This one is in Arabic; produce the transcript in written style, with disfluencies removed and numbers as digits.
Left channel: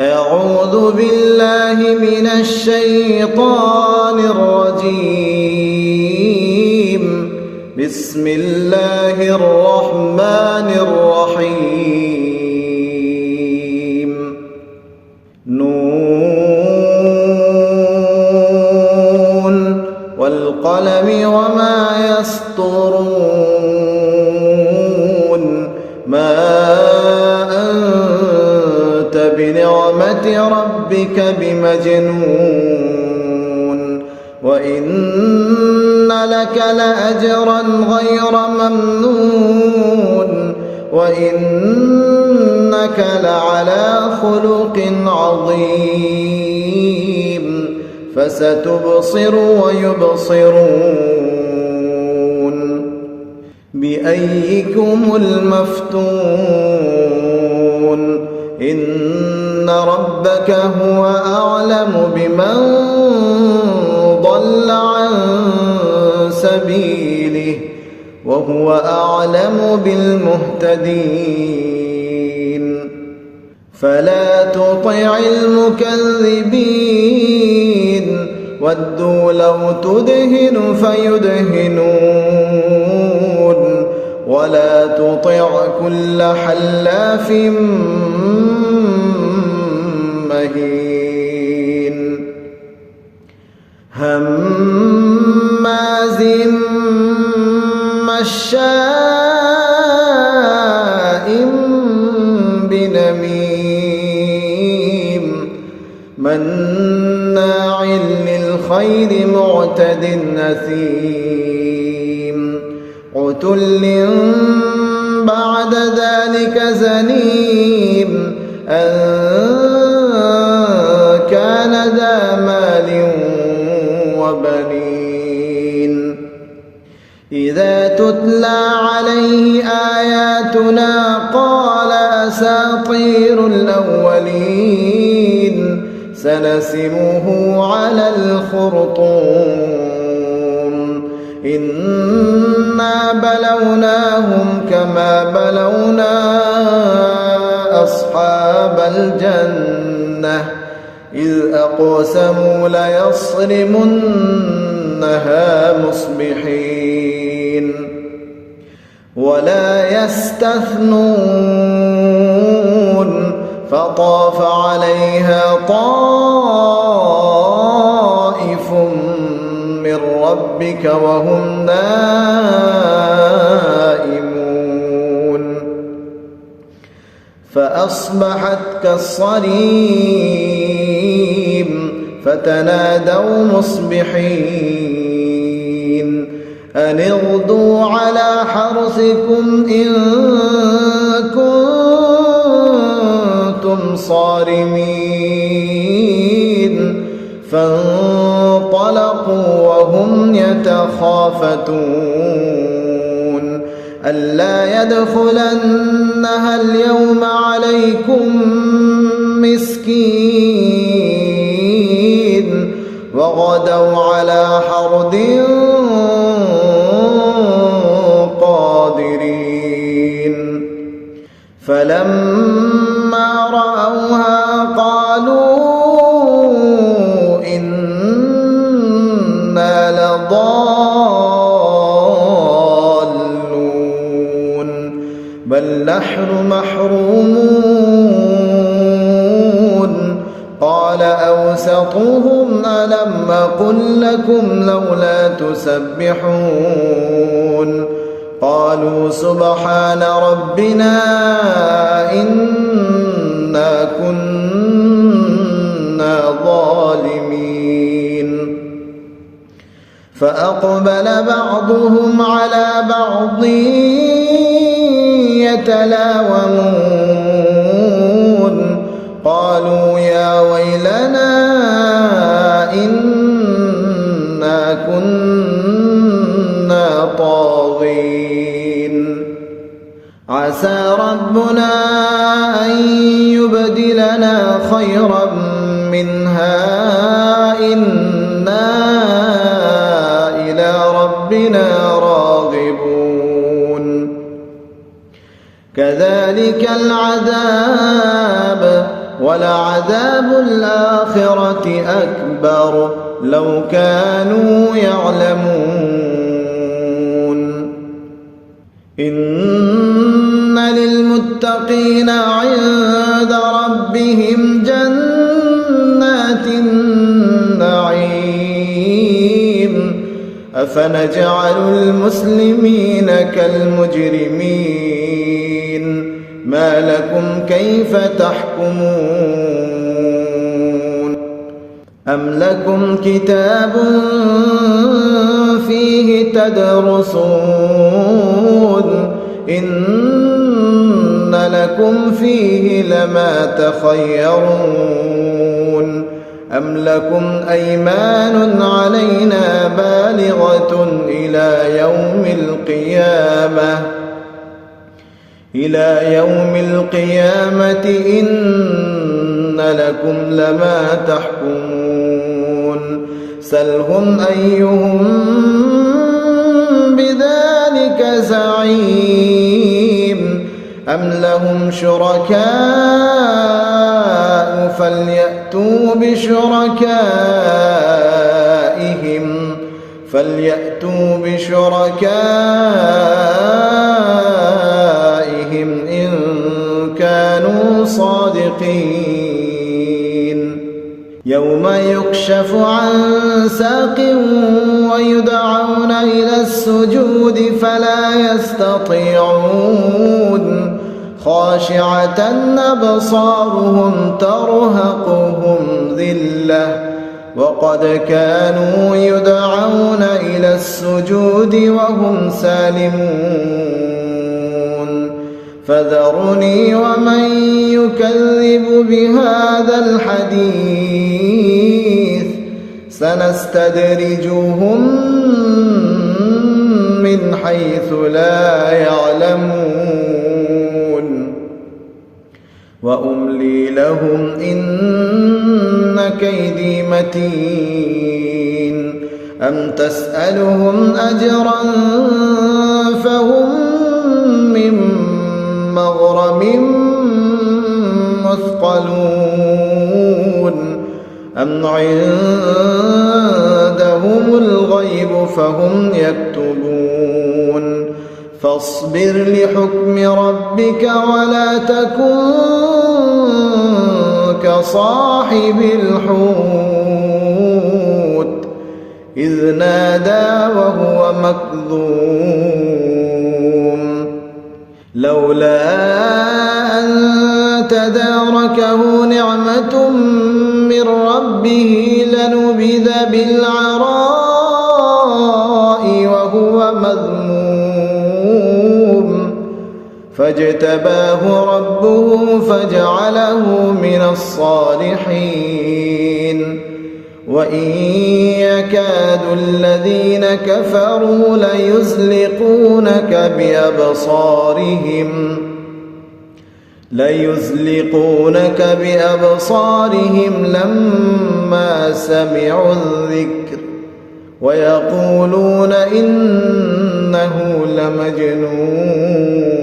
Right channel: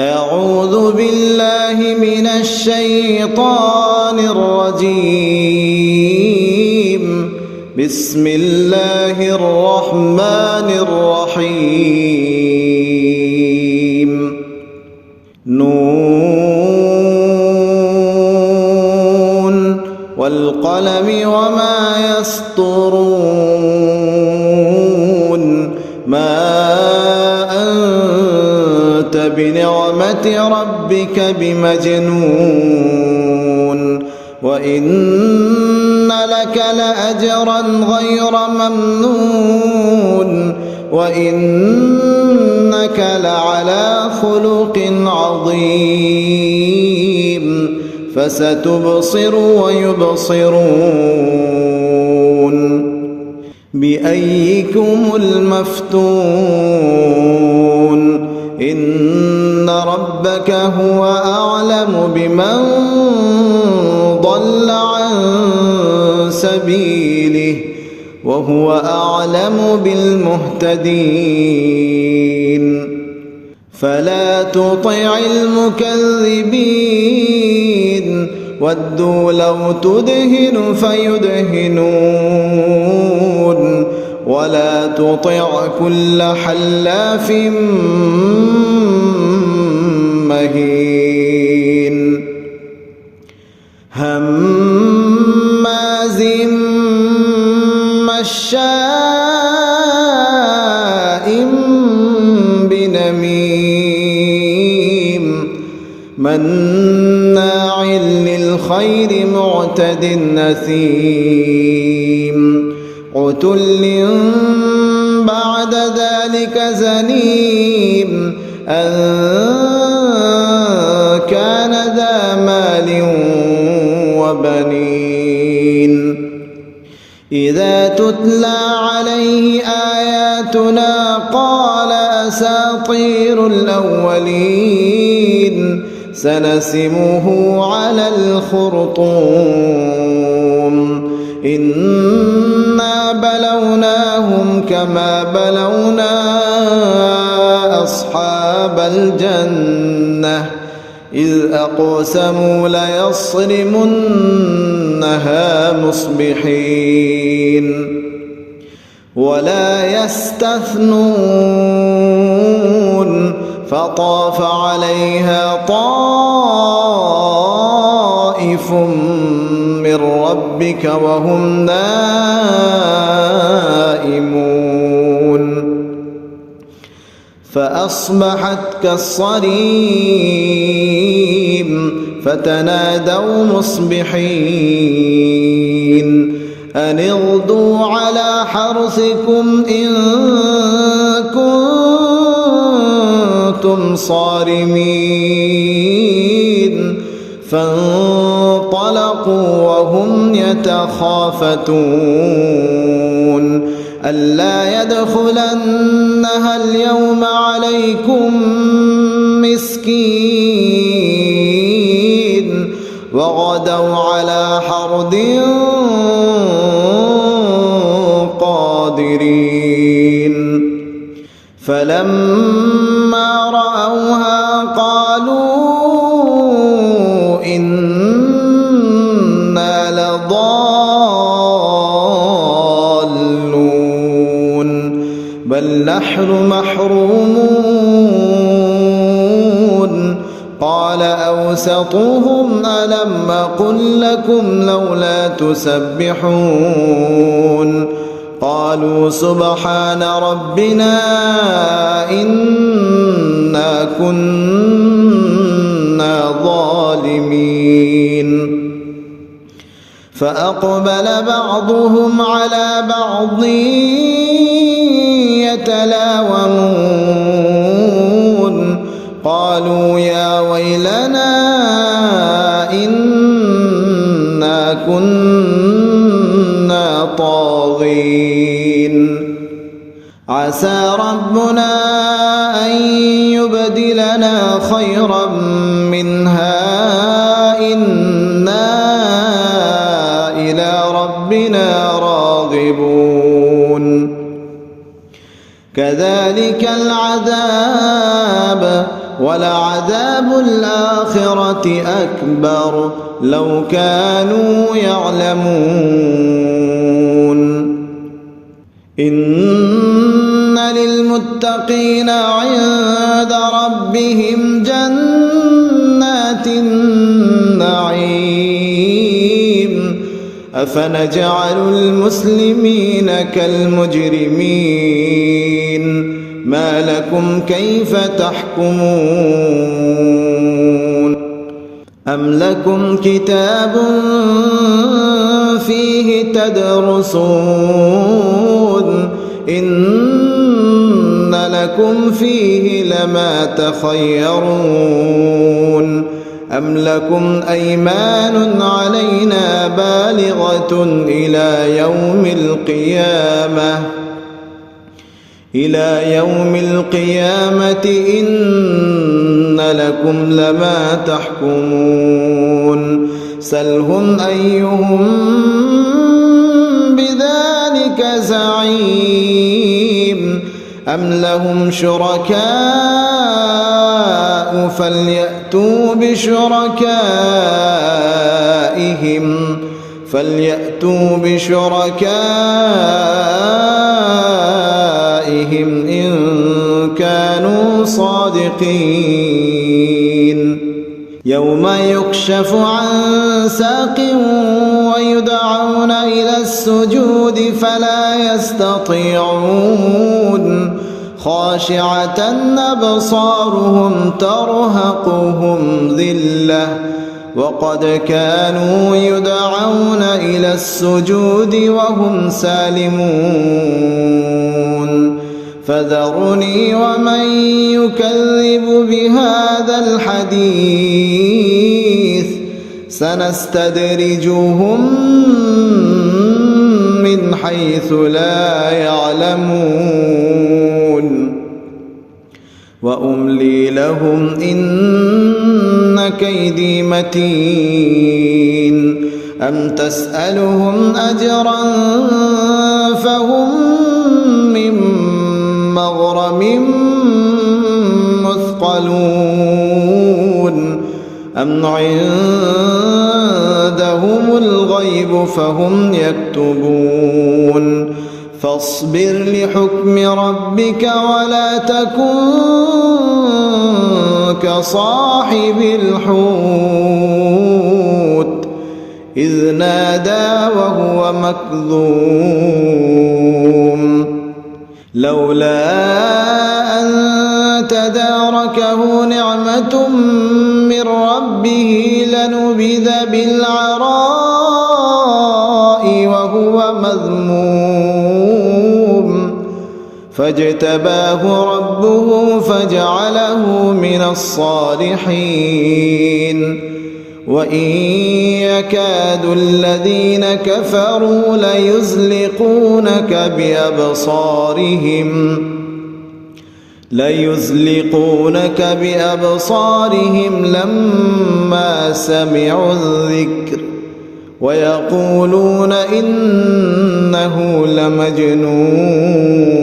أعوذ بالله من الشيطان الرجيم. بسم الله الرحمن الرحيم. نون والقلم وما يسطرون. ما أنت بنعمة ربك بمجنون. وإن لك لأجرا غير ممنون. وإنك لعلى خلق عظيم. فستبصر ويبصرون. بأيكم المفتون. إن ربك هو أعلم بمن ضل عن سبيله وهو أعلم بالمهتدين. فلا تطع المكذبين. ودوا لو تدهن فيدهنون. ولا تطع كل حلاف مهين هماز مشاء بنميم مناع للخير معتد أثيم عتل بعد ذلك زنيم أن كان ذا مال وبنين. إذا تتلى عليه آياتنا قال أساطير الأولين. سنسمه على الخرطوم. إنا بلوناهم كما بلونا أصحاب الجنة إذ أقسموا ليصرمنها مصبحين ولا يستثنون. فطاف عليها طائف من ربك وهم نائمون. فأصبحت كالصريم. فتنادوا مصبحين أن اغدوا على حرثكم إن كنتم صارمين. فانطلقوا وهم يتخافتون ألا يدخلنها اليوم عليكم مسكين. وغدوا على حرد قادرين. فلما رأوها قالوا إنا لضالون بل نحن محرومون. قال أوسطهم ألم أقل لكم لولا تسبحون. قالوا سبحان ربنا إنا كنا ظالمين. فأقبل بعضهم على بعض يتلاومون. قالوا يا ويلنا إنا كنا طاغين. عسى ربنا أن يبدلنا خيرا منها إنا إلى ربنا راغبون. كذلك العذاب ولعذاب الآخرة أكبر لو كانوا يعلمون إن للمتقين عند ربهم جنات النعيم أفنجعل المسلمين كالمجرمين ما لكم كيف تحكمون أم لكم كتاب فيه تدرسون إن لكم فيه لما تخيرون أم لكم أيمان علينا بالغة إلى يوم القيامة إن لكم لما تحكمون سلهم أيهم بذلك زعيم أم لهم شركاء فليأتوا بشركائهم إن كانوا صادقين يوم يكشف عن ساق ويدعون إلى السجود فلا يستطيعون خاشعة أبصارهم ترهقهم ذلة وقد كانوا يدعون إلى السجود وهم سالمون فذرني ومن يكذب بهذا الحديث سنستدرجهم من حيث لا يعلمون وأملي لهم إن كيدي متين أم تسألهم أجرا فهم من مغرم مثقلون أم عندهم الغيب فهم يكتبون فاصبر لحكم ربك ولا تكن كصاحب الحوت إذ نادى وهو مكظوم لولا أن تداركه نعمة من ربه لنبذ بالعراء وهو مذموم فاجتباه ربه فجعله من الصالحين وإن يكاد الذين كفروا ليزلقونك بأبصارهم لما سمعوا الذكر ويقولون إنه لمجنون